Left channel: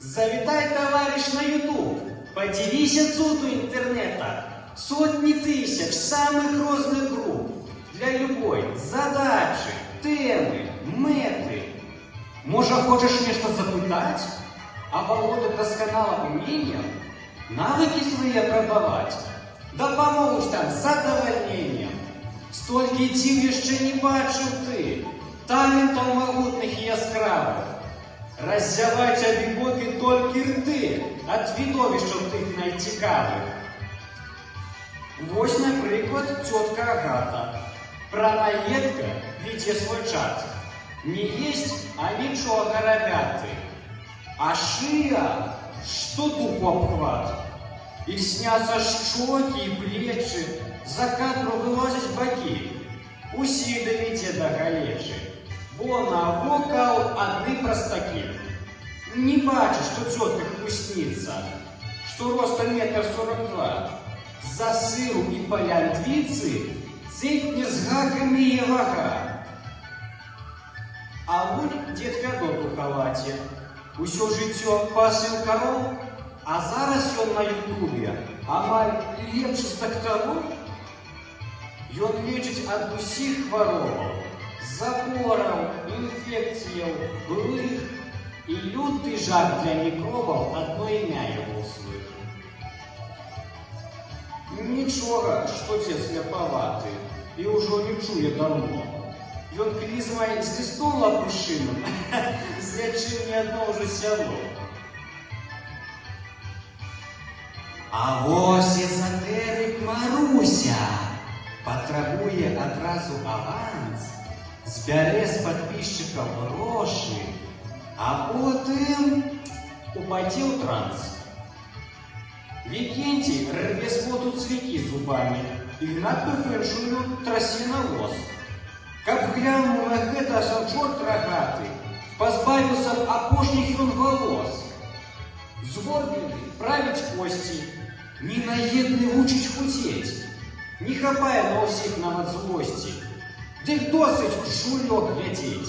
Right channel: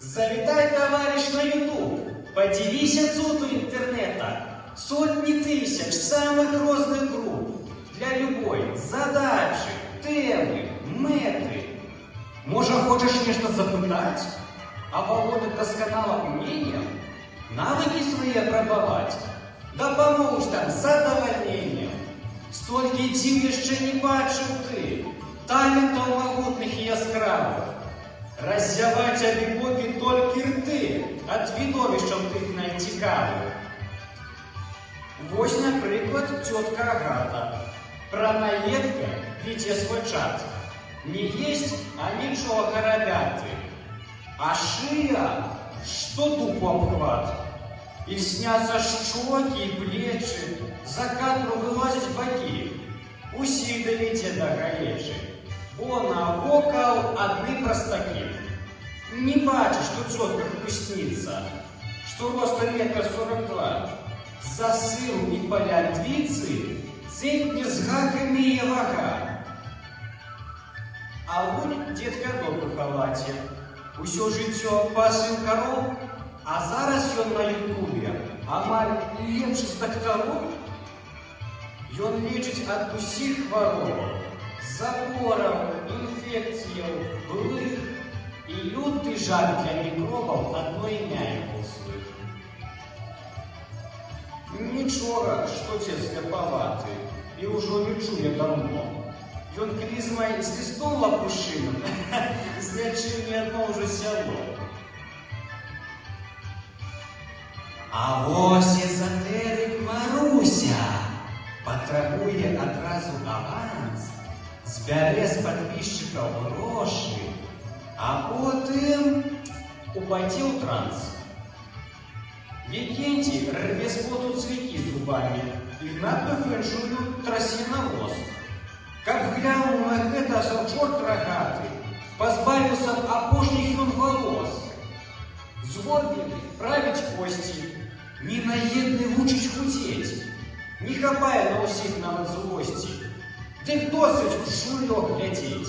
Завитай, товарищ, на YouTube, подивись отцу интернета. Сотни тысяч самых разных групп для любой задачи, темы, меты. Може, хочеш нечто запитати, а володить досконалим умінням, навики свої опробувати? Допоможеш там з задовольненням. Стільки дів ще не бачив ти, талентів могутних і яскравих. Роззявать обігоки тільки рти, від видовищем тих найцікавих. Ось, наприклад, тетка Агата. Пранаедка веде свой чат. Не есть, а ничего, ребята. А шия, что тупо обхват. И снятся щеки и плечи, за кадру вылазят боки. Усі довіте до галечі, бо на вокал одни простаки. Не бачишь, что тетка вкусница, что ростом 1,42 м. За сыру и полянтвицы цепни с гаками и вага. А вот дед Кадок у халаті. Усё життя пасив коров, а зараз ён на ютубе амаль лепшы з дактароў. Ён лечыць ад усіх хваробаў, запораў, інфекцыяў, былых, і люты жах для мікробаў адно імя яго слых. Нічога, што дед сляпаваты, і ўжо не чуе даўно. Ён клізмай з лістом лапушыным злячыў не адно ўжо сяло. А вось эзотэрык Маруся патрабуе адразу аванс, збярэ з падпісчыкаў грошы, а потым упадзе ў транс. Викентий рве с поту цвяки зубами, Игнат Пафеншую трасе на нос. Как глянул на гэта чорт рогатый, позбавился опошних он волос. Згорбленный править кости, ненаедный вучить худеть, не хапая на усіх нават злости, дык досыть шулёк глядеть.